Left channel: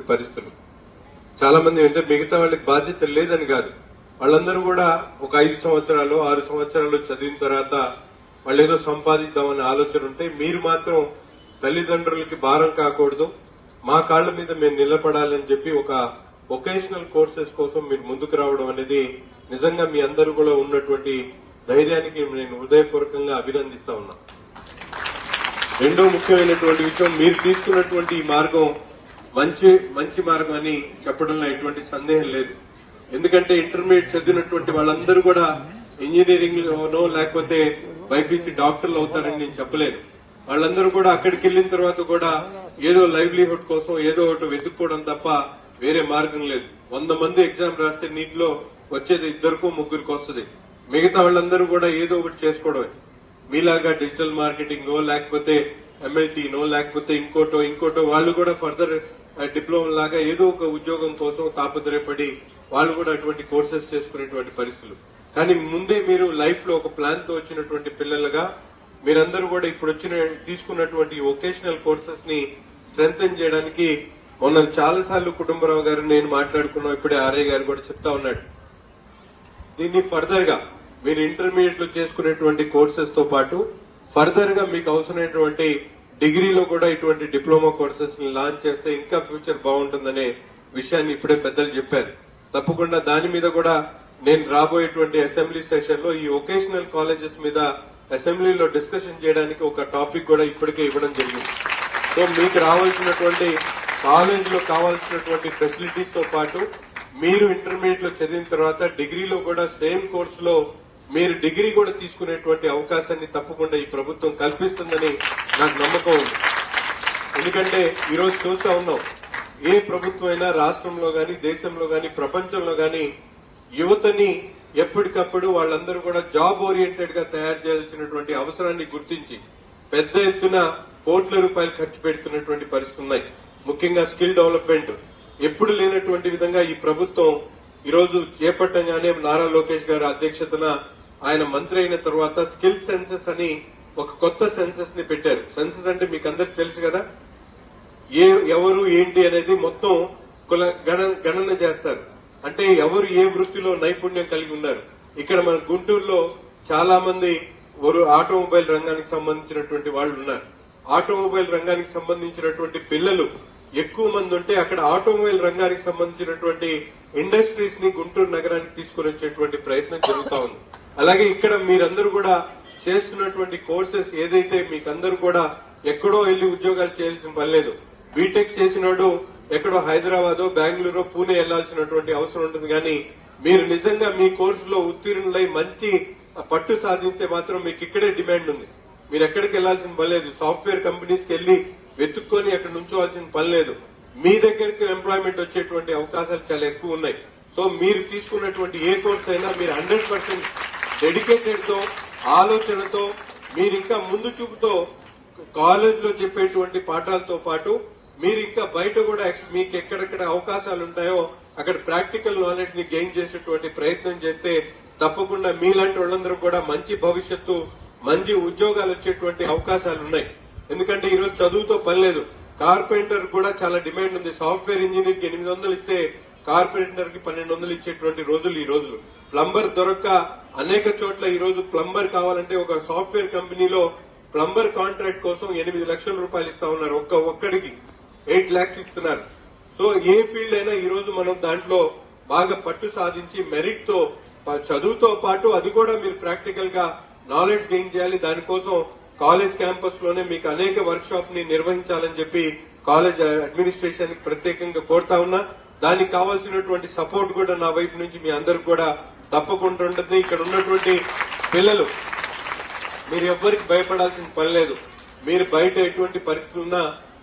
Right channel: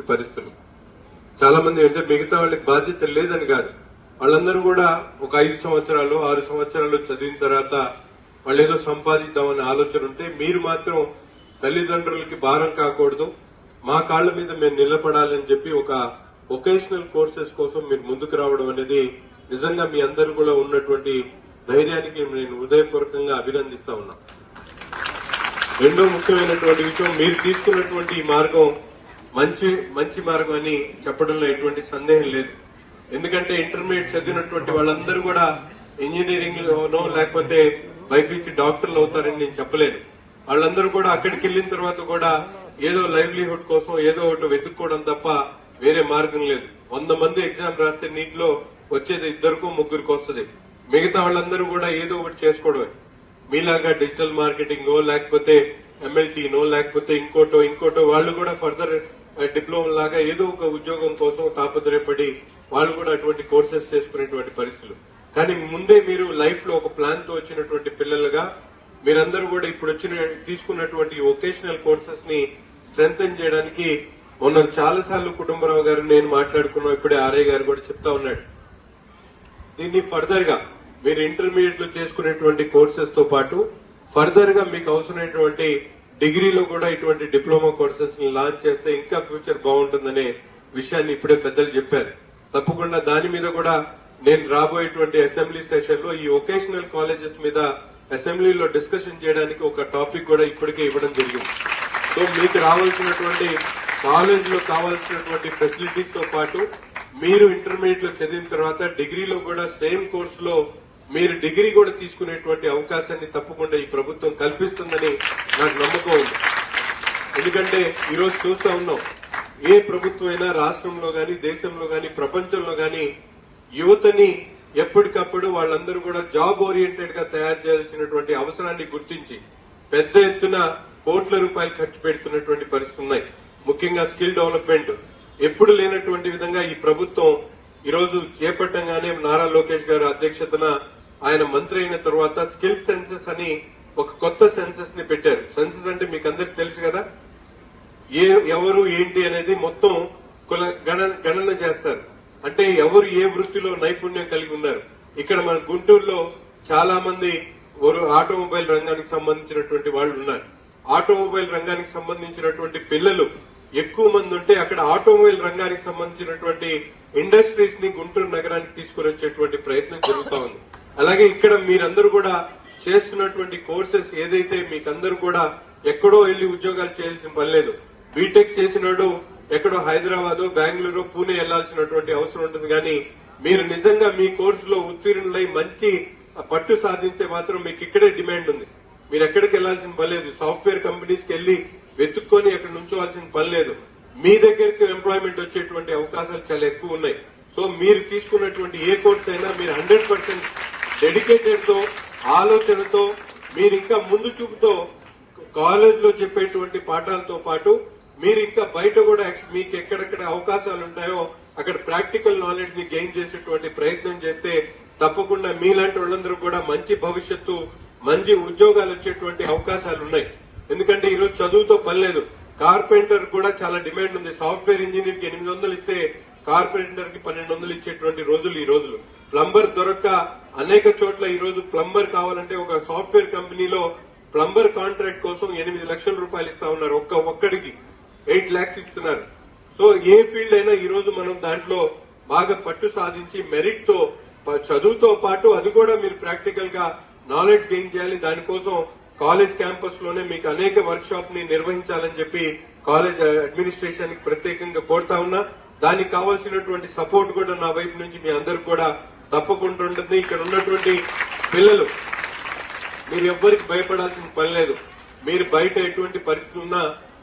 చేసేటువంటి పరిస్థితులు. చాలా మంది అంటే మిగతా వాళ్ళకి బాధ్యత లేదని కాదు, వాళ్ళందరూ కూడా ఒక 5 సంవత్సరాలు 6 సంవత్సరాలు చదివిన తర్వాత వాళ్ళు ఏదో సంపాదిద్దామనే ఆలోచన ఉంటే, మీరు మాత్రం తల్లిదండ్రులకి భారం కాకూడదు, మా కాళ్ల మీద మేము నిలబడాలని చెప్పి ఒక వొకేషనల్ కోర్సెస్ కోసం మీరు ముందుకు రావడం అనేది నిజంగా మీ అందరూ కూడా ఉన్నటువంటి ధైర్యానికి నేను హృదయపూర్వకంగా అభినందిస్తా ఉన్నా. రెండో ముఖ్యమైనటువంటి విషయం, మీరు తీసుకున్నటువంటి ఈ మార్గం మంచి మార్గం అని చెప్పడంలో ఎటువంటి సందేహం లేదు. ఎందుకంటే ఇంటర్మీడియట్ చదివినటువంటి వాళ్ళందరూ కూడా ఇంజనీరింగ్ లోనో లేకపోతే బైపీసీ డాక్టర్లు అవుతారని నేను చెప్పలేను. వాళ్ళందరూ కూడా అక్కడికి వెళ్లిన తర్వాత కూడా ఏదో లైవ్లీహుడ్ కోసం ఏదో ఒకటి వెతుక్కోవడం తప్ప వేరే మార్గం లేదు. 100 మంది ఎగ్జామ్ రాస్తే నీటిలో వచ్చేది 2కో 3కో వస్తుంది. మిగతా వాళ్ళందరూ కూడా ఏదో ఒకటి చేసుకోవడమే. మీలాగా డిజిటల్ మార్కెటింగో లేకపోతే ఎంఎల్టీనో లేకపోతే ఇంకోటో వాళ్ళు కూడా ఫర్దర్ డిప్లొమా లాగా ఏదో ఒక ఉద్యోగం కోసం తాపత్రయపడి వాళ్ళు కూడా అటువంటి కోర్సెస్ చేసుకునేటువంటి పరిస్థితులు. కానీ ముందే మీరు లైఫ్ లో ఒక ప్లాన్ తో వచ్చినటువంటి పిల్లలుగా మీరందరూ కూడా ఇప్పుడు తీసుకున్నటువంటి వొకేషనల్ కోర్సెస్ ని స్ట్రెంగ్తన్ చేయడానికి మొన్న చాలా సార్లు కుటుంబరావు గారు నేను మాట్లాడుకున్నాం, ఇప్పుడే ఆర్య గారు కూడా చెప్తా ఉన్నాడు. దీన్ని ఫర్దర్ గా మీరు ఇంటర్మీడియట్ లో చేసుకునేటువంటి కోర్సెస్ తో పాటు ఫర్దర్ గా మీకు అవసరమైనటువంటి డిగ్రీలో కూడా ఇటువంటి డిప్లొమా కోర్సెస్ ని లాంచ్ చేస్తే ఇంకా ఫ్యూచర్ బాగుంటుందనే విషయాన్ని ఇప్పుడే పెద్దలు చెప్పారు. తప్పకుండా దాని మీద కూడా నేను రాబోయేటువంటి అసెంబ్లీ సెషన్ లో ఈ వొకేషనల్ కాలేజెస్ మీద అసెంబ్లీలో డిస్కషన్ చేయడానికి ఒక టాపిక్ కూడా ఇప్పటికే ఇవ్వడం జరిగింది. సో మీకు రావాల్సినటువంటి కాలేజ్ లో కావాల్సినటువంటి ఫెసిలిటీస్ తో పాటు మీరు ఇంటర్మీడియట్ లో చదివిన తర్వాత డిగ్రీలో కూడా సేమ్ కోర్సులో మీరు డిగ్రీ కూడా తీసుకునేటువంటి అవకాశాన్ని తప్పకుండా ఈ ప్రభుత్వం కల్పిస్తుందని నాకు నమ్మకం ఉంది. ఎందుకంటే ఈరోజు చూస్తా ఉన్నాం, ఏ ప్రభుత్వం అయినా రాష్ట్రంలో గాని దేశంలో గాని ప్రపంచంలో గాని యువతని ఎప్పటికప్పుడు వాళ్ళందరూ కూడా జాబ్ ఓరియంటెడ్ గా తయారు చేయాల్సినటువంటి అవసరాన్ని గుర్తించి పెద్ద ఎత్తున కోట్ల రూపాయలు ఖర్చు పెడుతున్నటువంటి పరిస్థితులు ఉన్నాయి. ముఖ్యంగా స్కిల్ డెవలప్మెంట్ ఎప్పుడు లేనటువంటి విధంగా ఈ ప్రభుత్వం ఈరోజు చేపట్టంగానే నారా లోకేష్ గారి అధ్యక్షతన ఆయన మంత్రి అయిన తర్వాత స్కిల్ సెన్సెస్ అని ఒక కొత్త సెన్సెస్ ని పెట్టారు. సెన్సెస్ అంటే మీకు అందరికి తెలుసు కదా, ఎవరు ఏంటి అనేది మొత్తం గణన చేస్తారు. అంటే ఎవరు ఏ వృత్తిలో నైపుణ్యం కలిగి ఉన్నారు. ఇక్కడ మన గుంటూరులో చాలా మంది ఆటోమొబైల్ రంగానికి సంబంధించినటువంటి వాళ్ళు ఉన్నారు. ఆటోమొబైల్ రంగానికి సంబంధించినటువంటి పిల్లలు ఎక్కువ మంది ఉంటే అక్కడ ఆటోమొబైల్ రంగానికి సంబంధించినటువంటి ఇండస్ట్రీస్ ని గుంటూరు నగరానికి తీసుకుని వచ్చేటువంటి ప్రయత్నం జరుగుతా ఉంది. అలాగే ఇక్కడ మీరందరూ కూడా చేస్తున్నటువంటి కోర్సెస్ ఏదైతే మీకందరూ కూడా ఎక్కడో వెళ్లి ఉద్యోగాలు చేయాల్సిన పని లేదు. బీటెక్ చేసినాడు ఎక్కడో హైదరాబాద్ బెంగళూరు పూణే వెళ్లాల్సినటువంటి అవసరం ఉంటుంది. కానీ మీరు నిజంగా మీ కోర్సులో ఉత్తీర్ణులై మంచి పట్టు సాధిస్తే మాత్రం మీకు ఇక్కడే డిమాండ్ ఉంది. మీరు ఎక్కడికి వెళ్లాల్సిన పని లేదు. సాఫ్ట్వేర్ కంపెనీస్ కి వెళ్లి వెతుక్కొని అక్కడ నుంచోవాల్సిన పని లేదు. మీ దగ్గరికి ఎంప్లాయ్మెంట్ వచ్చేటువంటి అవకాశాలు చాలా ఎక్కువ ఉన్నాయి. సో మీరు తీసుకున్నటువంటి ఏ కోర్స్ అయినా మీరు 100% డెడికేటెడ్ తో ఆలోచనతో మీరు ఇంకా ముందు చూపుతో కాలేజ్ లో చెప్పేటువంటి పాఠాలతో పాటు మీరు ఇంకా బయట కూడా మీకు ఎక్కడెక్కడ అవకాశాలు ఉంటాయో అక్కడ ప్రాక్టికల్ నాలెడ్జ్ ని గెయిన్ చేసేటువంటి ప్రయత్నం చేస్తే తప్పకుండా మీలాంటి వాళ్ళందరూ కూడా మంచి భవిష్యత్తు మంచి ఉద్యోగాలు వచ్చేటువంటి అవకాశాలు ఉన్నాయి. ఎందుకంటే ఈరోజు చదువుతో పని లేదు. కార్పెంటర్ కూడా చాలా డిమాండ్ ఉంది. సాఫ్ట్వేర్ ఇంజనీర్ కి 800 ఇస్తే కార్పెంటర్ కి 1200 ఇచ్చేటువంటి రోజులు ఈ రోజులు. ప్లంబర్ దొరక్క అనేక చోట్ల ఈ రోజు ప్లంబర్ కావాలంటే ఒక సాఫ్ట్వేర్ కంపెనీలో ప్లంబర్ కాంట్రాక్ట్ కోసం 8 లక్షల రూపాయలు ఇస్తా ఉన్నారు. ఒక్కడికి 8 lakhs ఇస్తున్నారు. సో ఏ ఫీల్డ్ అయినా ఈ రోజు మనం దాంట్లో బాగా పట్టు సాధించి మెరిట్ తో చదువుతో పాటు అది కూడా మీరు ప్రాక్టికల్ గా నాలెడ్జ్ గెయిన్ చేయాలి. దానికోసం కాలేజ్ క్యాంపస్ లోనే మీకు అనేక వర్క్ షాప్ ని నిర్వహించాలని చెప్పి కాలేజ్ అడ్మినిస్ట్రేషన్ కి ప్రత్యేకంగా కోరుతా ఉన్నా. దానికి కావాల్సినటువంటి సపోర్ట్ కూడా నా వైపు నుంచి మీ అందరికి కూడా తప్పకుండా ఉంటుంది. ఇక్కడ ఉన్నటువంటి పిల్లలు మీరు ఎవ్వరికి భయపడాల్సిన పని లేదు. మీరు బయట ఎటువంటి పరిస్థితి ఉన్నా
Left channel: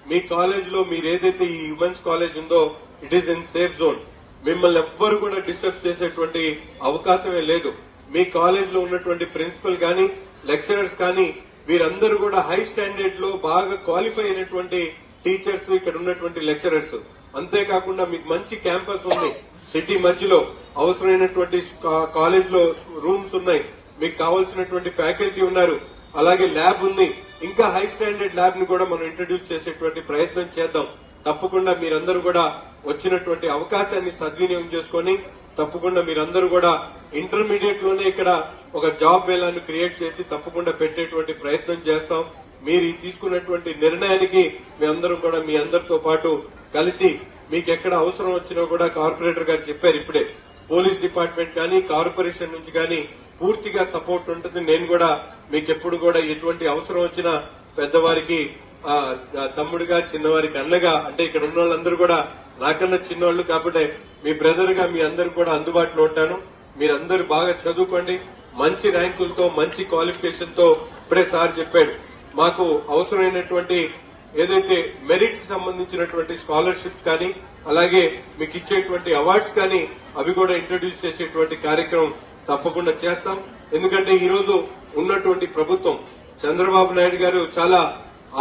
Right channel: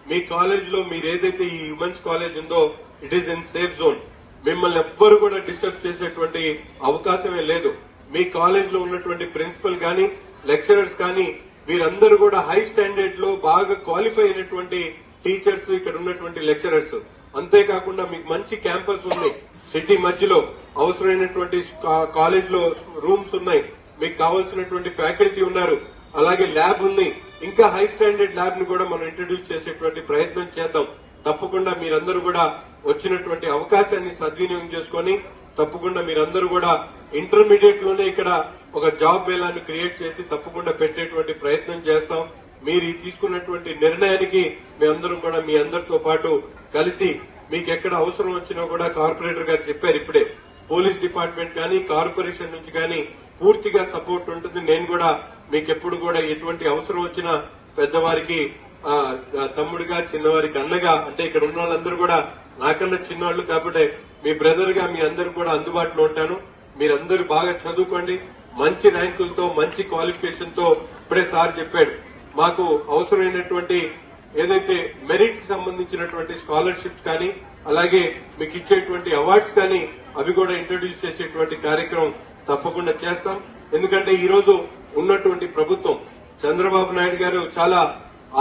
మీ కాలేజ్ లో మీరు ఏదైతే ఈ ఉమెన్స్ కాలేజ్ ఉందో it is in safe zone. మిమ్మల్ని ఎవ్వరు కూడా డిస్టర్బ్ చేసేటువంటి అవకాశమే లేదు. మీ కాలేజ్ లో ఉన్నటువంటి ప్రిన్సిపల్ కానీ లెక్చరర్స్ కానీ వీరందరూ కూడా హై స్టాండర్డ్ లో బాగా క్వాలిఫై అయినటువంటి టీచర్స్ ఇక్కడ ఉన్నటువంటి లెక్చరర్స్. అంతేకాకుండా మీకు మంచి క్యాంపస్ ఉంది. సిటీ మధ్యలో అవసరమైనటువంటి కాలేజ్ లో రూమ్స్ ఉన్నాయి. మీకు కావాల్సినటువంటి ఫ్యాకల్టీ ఉన్నారు. అలాగే ల్యాబ్ ఉంది. ఇంకా హై స్టాండర్డ్ ల్యాబ్ ని కూడా మనం ఇంట్రడ్యూస్ చేసేటువంటి ప్రయత్నం చేద్దాం. తప్పకుండా మీరందరూ కూడా వచ్చినటువంటి అవకాశాన్ని సద్వినియోగం చేసుకొని తప్పకుండా మీరందరూ కూడా ఇంటర్మీడియట్ లోనే ఇక్కడ ఒక జాబ్ మేళాన్ని క్రియేట్ చేసి తప్పకుండా పెట్టేటువంటి ప్రయత్నం చేస్తాం. మీరు ఈ తీసుకున్నటువంటి నిర్ణయానికి మీ అందరం కూడా మీ అందరితో పాటు కలిసి మీకు ఎక్కడ అవసరం వచ్చినా కూడా కార్పొరేటర్ గారు చెప్పారు ఇప్పుడే పోలీస్ డిపార్ట్మెంట్ కానీ కార్పొరేషన్ నుంచి కానీ పూర్తిగా సపోర్ట్ ఉంటుంది. నేను కూడా మీకు ఎప్పుడు కూడా ఎటువంటి అవసరం వచ్చినా పెద్దవారికి తమ్ముడుగా చిన్నవారికి అన్నగా అంటే ఇక్కడ ఉన్న వాళ్ళందరూ కూడా నాకన్నా చిన్నవాళ్లు కాబట్టి మీ బ్రదర్ గా మీ అందరూ కూడా అందుబాటులో ఉంటాను. మీరందరూ బాగా చదువుకోండి, మంచి ర్యాంకులతో మంచి క్వాలిఫికేషన్ తో ఇప్పుడే సార్ చెప్పాడు మాకు అవసరమైనటువంటి ఏదైతే మెరిట్ కి సంబంధించినటువంటి స్కాలర్షిప్స్ కానీ అలాగే మీకు ఇచ్చేటువంటి అవార్డ్స్ కానీ అవి కూడా ఇంట్రడ్యూస్ చేసేటువంటి కార్యక్రమం తప్పకుండా చేస్తాం. ఎందుకంటే ఈ రోజు ఉన్నటువంటి ప్రభుత్వం చంద్రబాబు నాయుడు గారు చాలా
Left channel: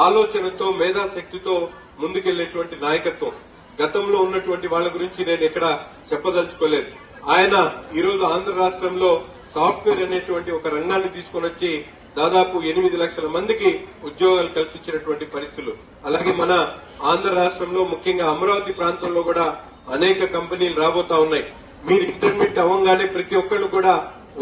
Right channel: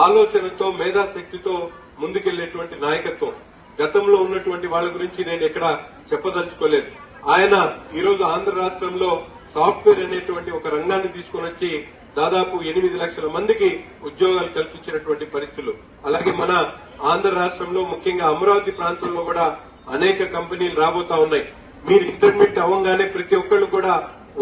ఆలోచనతో మేధాశక్తితో ముందుకెళ్లేటువంటి నాయకత్వం. గతంలో ఉన్నటువంటి వాళ్ళ గురించి నేను ఎక్కడ చెప్పదలుచుకోలేదు. ఆయన ఈ రోజు ఆంధ్ర రాష్ట్రంలో సాఫ్ట్వేర్ అనేటువంటి ఒక రంగాన్ని తీసుకొని వచ్చి దాదాపు 8 లక్షల మందికి ఉద్యోగాలు కల్పించినటువంటి పరిస్థితులు. అలాగే మన ఆంధ్ర రాష్ట్రంలో ముఖ్యంగా అమరావతి ప్రాంతంలో కూడా అనేక కంపెనీలు రాబోతా ఉన్నాయి. మీరు ఇంటర్మీడియట్ అవ్వగానే ప్రతి ఒక్కరు కూడా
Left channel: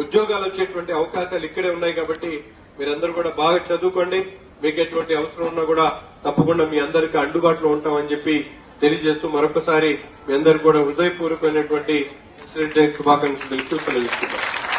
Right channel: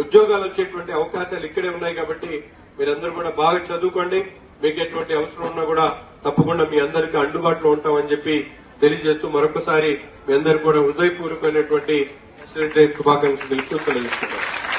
ఉద్యోగాలు వచ్చేటువంటి అవకాశాలు ఇక్కడే ఉన్నాయి. కాబట్టి మీరందరూ కూడా బాగా చదువుకోండి. మీకు ఎటువంటి అవసరం ఉన్నా కూడా తప్పకుండా మీ అందరికీ అందుబాటులో ఉంటామని చెప్పి తెలియజేస్తూ మరొకసారి మీ అందరికీ కూడా హృదయపూర్వకమైనటువంటి శుభాకాంక్షలు తెలుపుతూ సెలవిస్తున్నాను.